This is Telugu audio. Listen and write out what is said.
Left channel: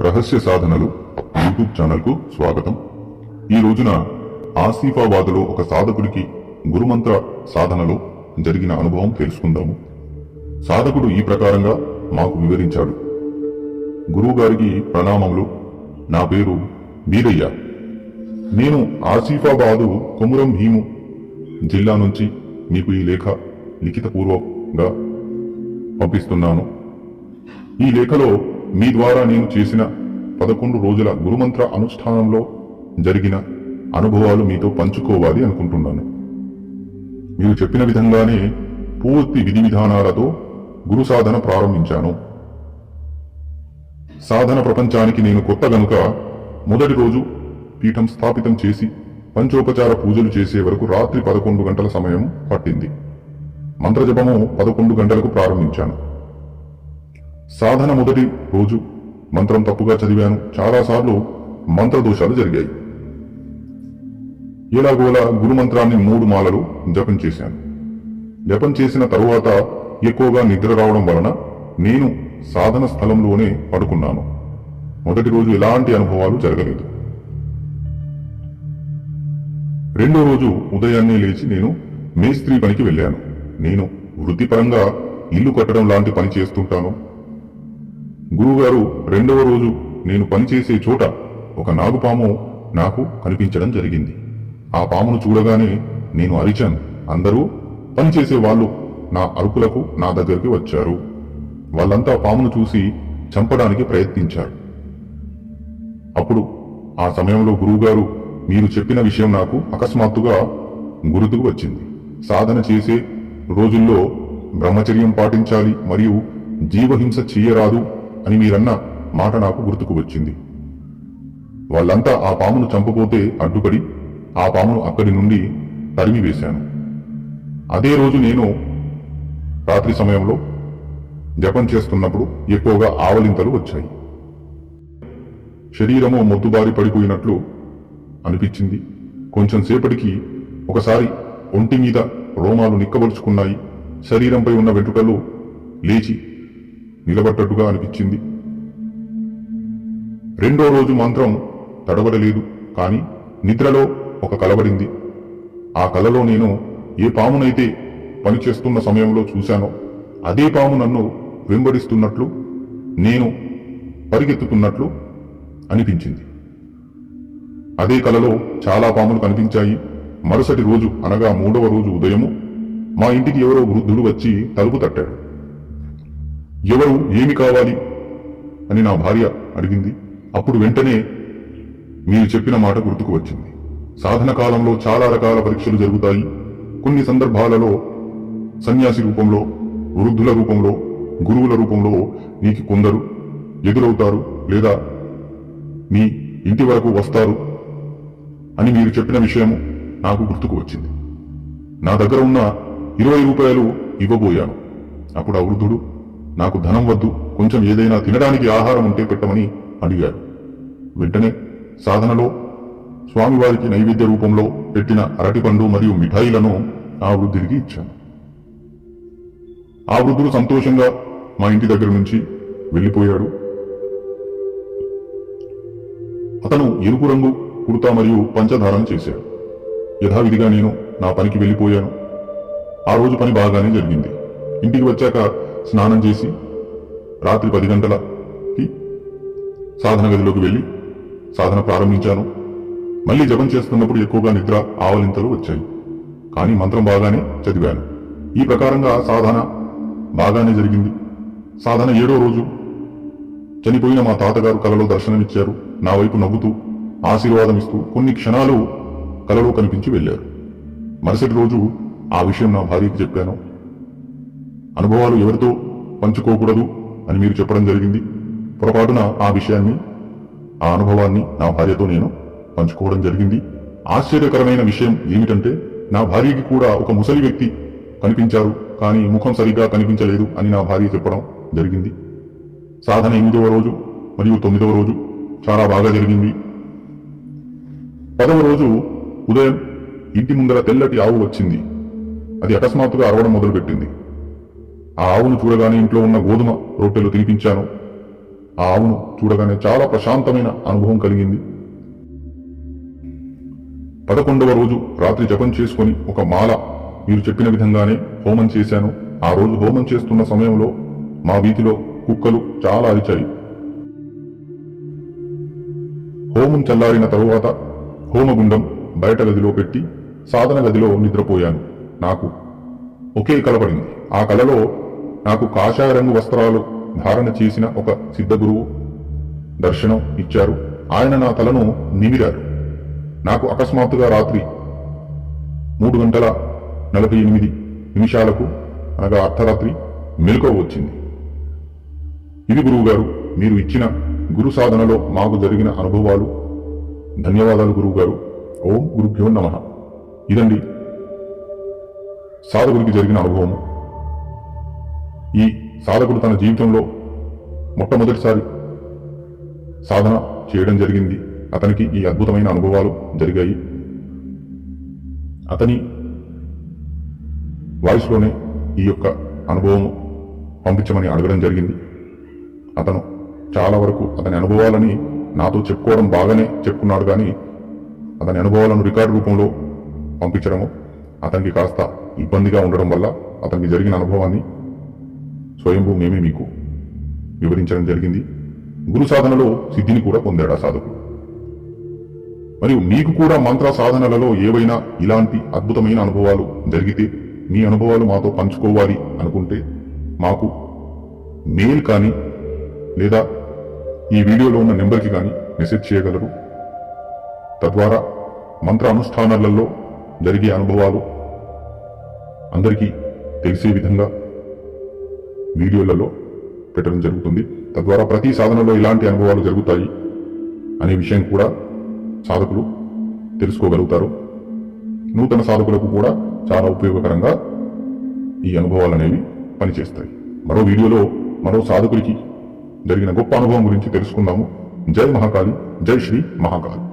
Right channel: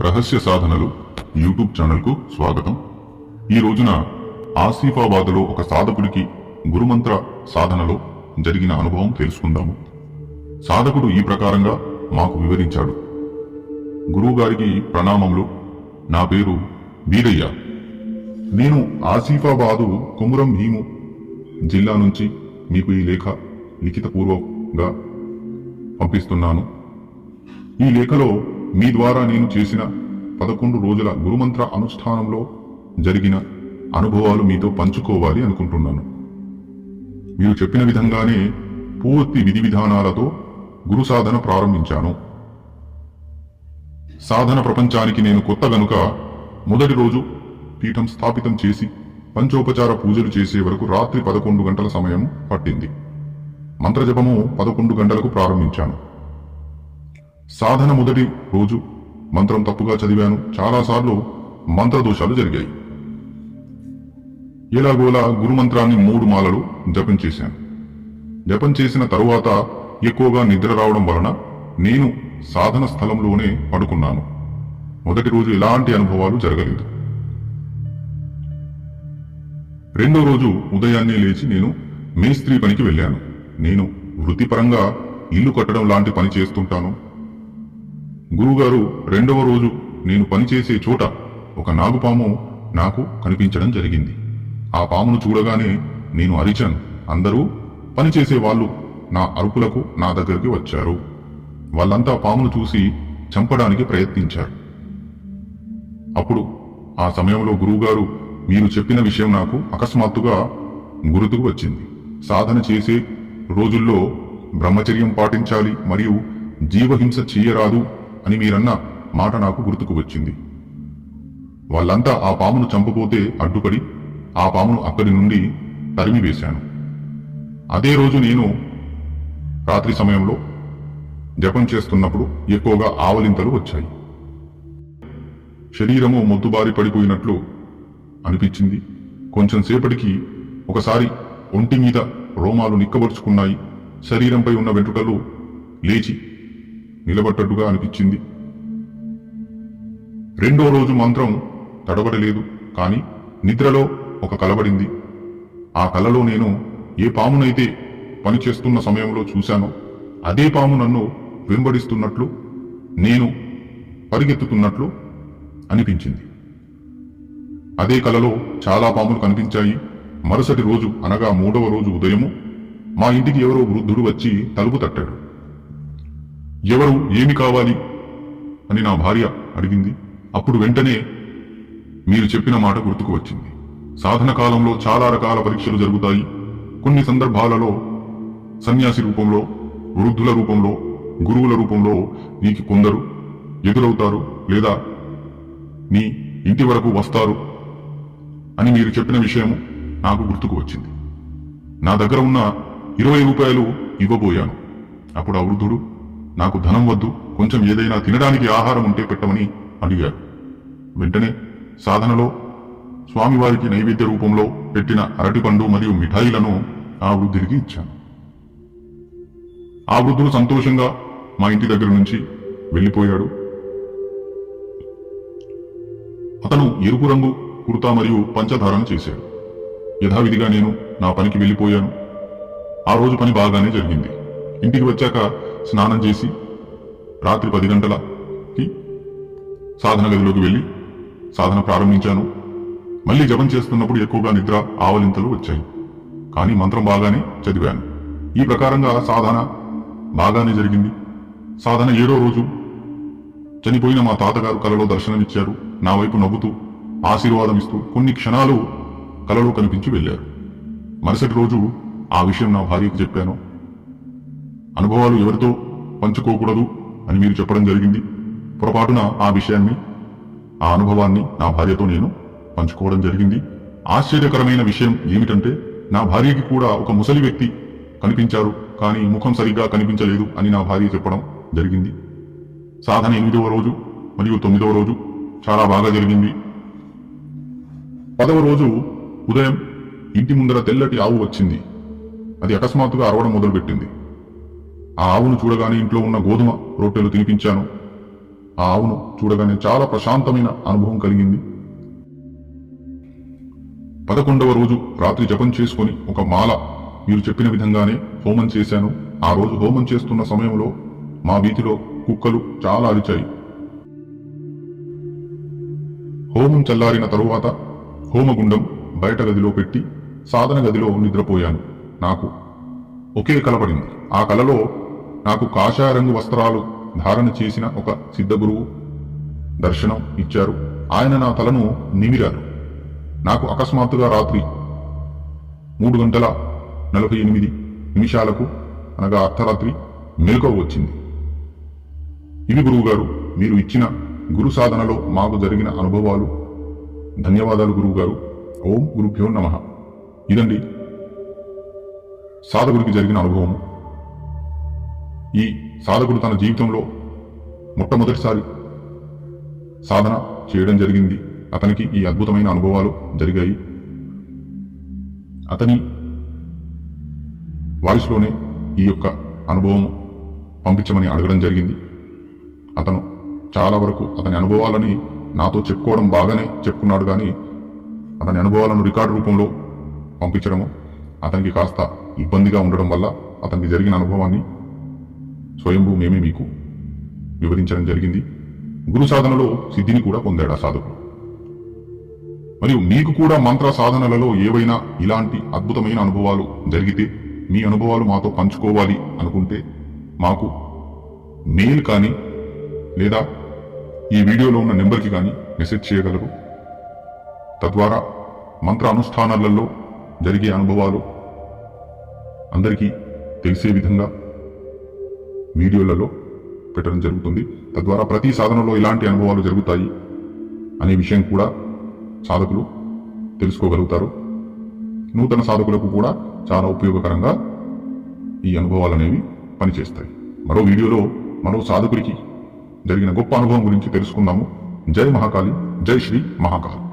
రహస్య సాధనలు యూట్యూబ్ ఛానల్కు స్వాగతం. ఈ రోజున ఆసిఫాబాద్లో ఒక సాధకుడికి గురుమంత్ర సాధనలో జరిగిన అనుభవం తెలుసుకుందాము. సాధకుడు ఈ ప్రకారంగా మాకు వివరించాడు. గురువుగారికి ప్రణామములు. నా పేరు వీరయ్య. నేను ఆసిఫాబాదు కుమురం భీము జిల్లా నుంచి మీకు ఈ లేఖ లిఖితపూర్వకంగా పంపిస్తున్నాను. ఈ లేఖలో మీ ద్వారా నేను చేసిన పదకొండు రోజుల గురుమంత్ర అనుష్ఠానంలో జరిగిన అనుభవాలు మీతో పంచుకోవాలి అనుకుంటున్నాను. మీరు చెప్పిన విధంగానే పూర్తి విధి విధానాలతో గురు సాధన ప్రారంభించాను. సాధన ప్రపంచానికి నేను కొత్త గనుక మొదటి రోజు పీఠం స్థాపితం చేసి పంచోపచార పూజలు చేసే వరకు రాత్రి పదకొండు గంటల సమయం పట్టింది. మంత్రజపము పదకొండు గంటలకు ప్రారంభించాను. సాధన మొదటి రోజు మంత్రం తప్పుగా చదివాను. చాలాసార్లు మంత్రదోషాలు జరిగాయి. ఎలాగోలా గురుమంత్రాన్ని మూడు మాలలు జపం చేశాను. జపం చేసిన తరువాత ఎక్కువగా నిద్ర రావడం వలన నేను సాధన స్థలంలోనే పడుకున్నాను. మొదటి రోజు ఎలాంటి అనుభవాలు జరగలేదు. రెండో రోజు ఉదయాన్నే లేచి నేను మేస్త్రి పనికి వెళ్ళాను. నేను వృత్తిపరంగా ఇల్లు కట్టడం లాంటి పని చేస్తుంటాను. గురువుగారు రెండవ రోజు నేను పనిచేసే చోట ఒక నాగుపాము నాకు కనిపించడం జరిగింది. ఆ పామును చూడగానే నేను అరిచాను. అందరూ పనిచేసే వాళ్ళు నా అరుపులకు నా దగ్గరికి వచ్చారు. వాళ్ళంతా పామును చూసి చంపడానికి ప్రయత్నించారు. అప్పుడు ఆ సమయంలో గురువుగారు మీరు చెప్పిన విషయం నాకు అకస్మాత్తుగా గుర్తుకు వచ్చింది. సాధన చేసే రోజుల్లో బ్రహ్మచర్యం పాటించాలి మరియు జీవహింస చేయరాదు అని మీరన్న మాట నాకు గుర్తుకు వచ్చింది. వాళ్ళంతా ఆ పామును చంపపోతే అడ్డుపడి ఆ పామును అక్కడి నుండి తరిమివేశాను అదే రోజు నేను రాత్రి సమయంలో జపం చేస్తున్నప్పుడు ఎక్కువగా ఆవలింతలు వచ్చాయి. శరీరము మొద్దుబారి పడిపోయినట్లు అనిపించింది. కొంచెం సేపటికి ఒకసారి ఒంటి మీద రోమాలు నిక్కబరుచుకున్నాయి శరీరంపై ఉన్న వెంట్రుకలు లేచి నిలబడ్డట్టుగా అనిపించింది. రెండో రోజు మాత్రం తడబడలేదు కాని నిద్రలో ఒక కలబడింది. ఆ కలలో నేను ఏ పామునైతే పనిచేస్తున్న సమయంలో చూశానో అదే పాము నన్ను వెంబడిస్తున్నట్లు నేను పరిగెత్తుతున్నట్లు అనిపించింది. అదే కలలో చాలా పాములు కనిపించాయి. మరుసటి రోజు అనగా మూడవ రోజు ఉదయము మా ఇంటికి ఎవరో వృద్ధుడు వచ్చి తలుపు తట్టాడు. ఎవరు ఏమి కావాలి అని నా భార్య అడిగింది. అప్పుడు వెంటనే మీరు చెప్పిన మాట గుర్తుకు వచ్చింది. సాధన కాలంలో చాలా రకాల పరీక్షలు జరుగుతాయి. కొన్ని సందర్భాలలో సన్యాసి రూపంలో వృద్ధుల రూపంలో గురువుల రూపంలో నీకు కొందరు ఎదురవుతారు లేదా నీ ఇంటి వరకు వస్తారు అని మీరు చెప్పిన విషయం నాకు గుర్తుకు వచ్చింది. నా దగ్గర ఉన్న ఇరవై రూపాయలు ఇవ్వబోయాను. అప్పుడు ఆ వృద్ధుడు నాకు ధనం వద్దు కొంచెం ఏదైనా తినడానికి ఆహారం ఉంటే పెట్టమని అడిగాడు. వెంటనే సాధనలో స్వామివారికి నైవేద్య రూపంలో పెట్టిన అరటిపండు మరియు మిఠాయిలను ఆ వృద్ధుడికి ఇచ్చాను. ఆ వృద్ధుడు సంతోషంగా మా ఇంటి దగ్గర నుంచి వెళ్ళిపోయాడు. అతను ఎరుపు రంగు కుర్తా మరియు పంచధారణ చేశాడు. యథావిధిగా నేను నా పనికి వెళ్ళిపోయాను. ఆ రోజు పని బాగానే జరిగింది. ఇంటికి వచ్చాక స్నానం చేసి రాత్రి పది గంటలకి సాధన గదిలోకి వెళ్ళి సాధన ప్రారంభించాను. మళ్ళీ జపం చేస్తున్నప్పుడు ఎక్కువగా నిద్ర ఆవలింతలు వచ్చాయి. కానీ మంత్రం బాగానే చదివాను. ఈ ప్రకారంగా సాధన బాగానే జరిగింది. సాధన ఏడో రోజు చనిపోయిన మా తాతగారు కలలో దర్శనమిచ్చారు. నా వైపు నవ్వుతూ ఆశీర్వాదం ఇస్తూ కొన్ని క్షణాలు కలలో కనిపించి వెళ్ళారు. మరుసటి రోజు ఆ విషయం నా భార్యకు చెప్పాను. అనుభవాలు ఎవరితో పంచుకోకూడదు అని మీరు చెప్పడం జరిగింది. పొరపాటున ఆ విషయాన్ని ఆ అనుభవాన్ని నా భార్యతో నేను పంచుకోవడం జరిగింది. ఆశ్చర్యకరమైన విషయం ఏమిటంటే నా భార్యకి కూడా ఒక ముసలి వ్యక్తి కనిపించారు కానీ ముఖం సరిగ్గా కనిపించలేదు అని నా భార్య చెప్పడం జరిగింది. సాధన ఎనిమిదవ రోజు మరియు తొమ్మిదవ రోజు చాలా బాగా జరిగింది. పదవ రోజు ఉదయం ఇంటి ముందర తెల్లటి ఆవు వచ్చింది. అది అకస్మాత్తుగా అరవడం మొదలుపెట్టింది. ఆ ఆవును చూడగానే ఇంట్లో ఉన్న గోధుమ రొట్టెలు తినిపించాను. ఆ ఆవును చూడగానే చాలా ప్రశాంతమైన అనుభవం కలిగింది. పదకొండవ రోజు రాత్రి జపం చేసుకుని ఒక మాల మీరు చెప్పిన విధంగానే హోమం చేశాను. ఆ రోజు హోమం చేస్తున్న సమయంలో మా వీధిలో కుక్కలు చాలా అరిచాయి. హోమం చల్లారిన తరువాత హోమగుండం బయట గదిలో పెట్టి సాధన గదిలో నిద్రపోయాను. నాకు ఒకే కలపడింది ఆ కలలో నాకు కాషాయ రంగు వస్త్రాలు ధారణ చేసిన ఒక సిద్ధ గురువు దర్శనం ఇచ్చారు. ఆయన నా తలను నిమిరారు. నాకు అకస్మాత్తుగా రాత్రి మూడు గంటల నలభై ఎనిమిది నిమిషాలకు అనగా అర్ధరాత్రి మెలకువ వచ్చింది. ఇవి గురువుగారు మీరు ఇచ్చిన గురు సాధనలో మాకు జరిగిన అనుభవాలు. ధన్యవాదాలు గురువుగారు ఓం గురుభ్యో నమ. ఇదండి సాధకుడికి జరిగిన అనుభవము. ఈ సాధకుడు తన జీవితంలో మొట్టమొదటిసారి సాధన చేయడం జరిగింది. అతనికి ఈ అద్భుతమైన అనుభవాలు జరిగాయి. అతని వాయిస్లోనే ఈ యొక్క అనుభవం పంపించమని అడగడం జరిగింది. అతను చాలా వరకు అతని అనుభవాలని నాతో చెప్పుకోవడం బాగానే చెప్పుకున్నాడు కానీ అతని అనుభవాలను రికార్డు రూపంలో పంపించడము అతనికి కాస్త ఇబ్బందిగా ఉండడం వల్ల అతనికి జరిగిన అనుభవాన్ని స్వయంభూ మేమే మీకు వివరించడం జరిగింది. గురు సాధనలో సిద్ధిని కూడా పొందాడు ఆ సాధకుడు. మరియు మీకు కూడా మంత్ర సాధనలలో ఏవైనా ఇలాంటి అద్భుతమైన అనుభవాలు జరిగితే మీ అనుభవాలు మాతో పంచుకోవాలి అనుకుంటే మాకు మెయిల్ కానీ లేదా ఈ వీడియోలో ఉన్న నెంబర్కి కానీ మెసేజ్ చేయగలరు. తద్వారా మంత్ర అనుష్ఠానాలలో జరిగే అనుభవాలు అందరికీ తెలిసే విధంగా వీడియోలలో పెట్టడం జరుగుతుంది. తద్వారా ప్రతి సాధనలో ఇలాంటి అనుభవాలు జరుగుతాయి అనే విషయం కూడా సాధకులు తెలుసుకోగలుగుతారు. నూతన సాధకులకు కూడా చాలా ఉపయోగకరంగా ఈ అనుభవాలు అనేవి పనిచేస్తాయి. మరో వీడియోలో మరో సాధకుడికి జరిగిన గొప్ప అనుభవం గురించి తెలుసుకుందాము. జై మహాకాళి జై శ్రీ మహాకాళి.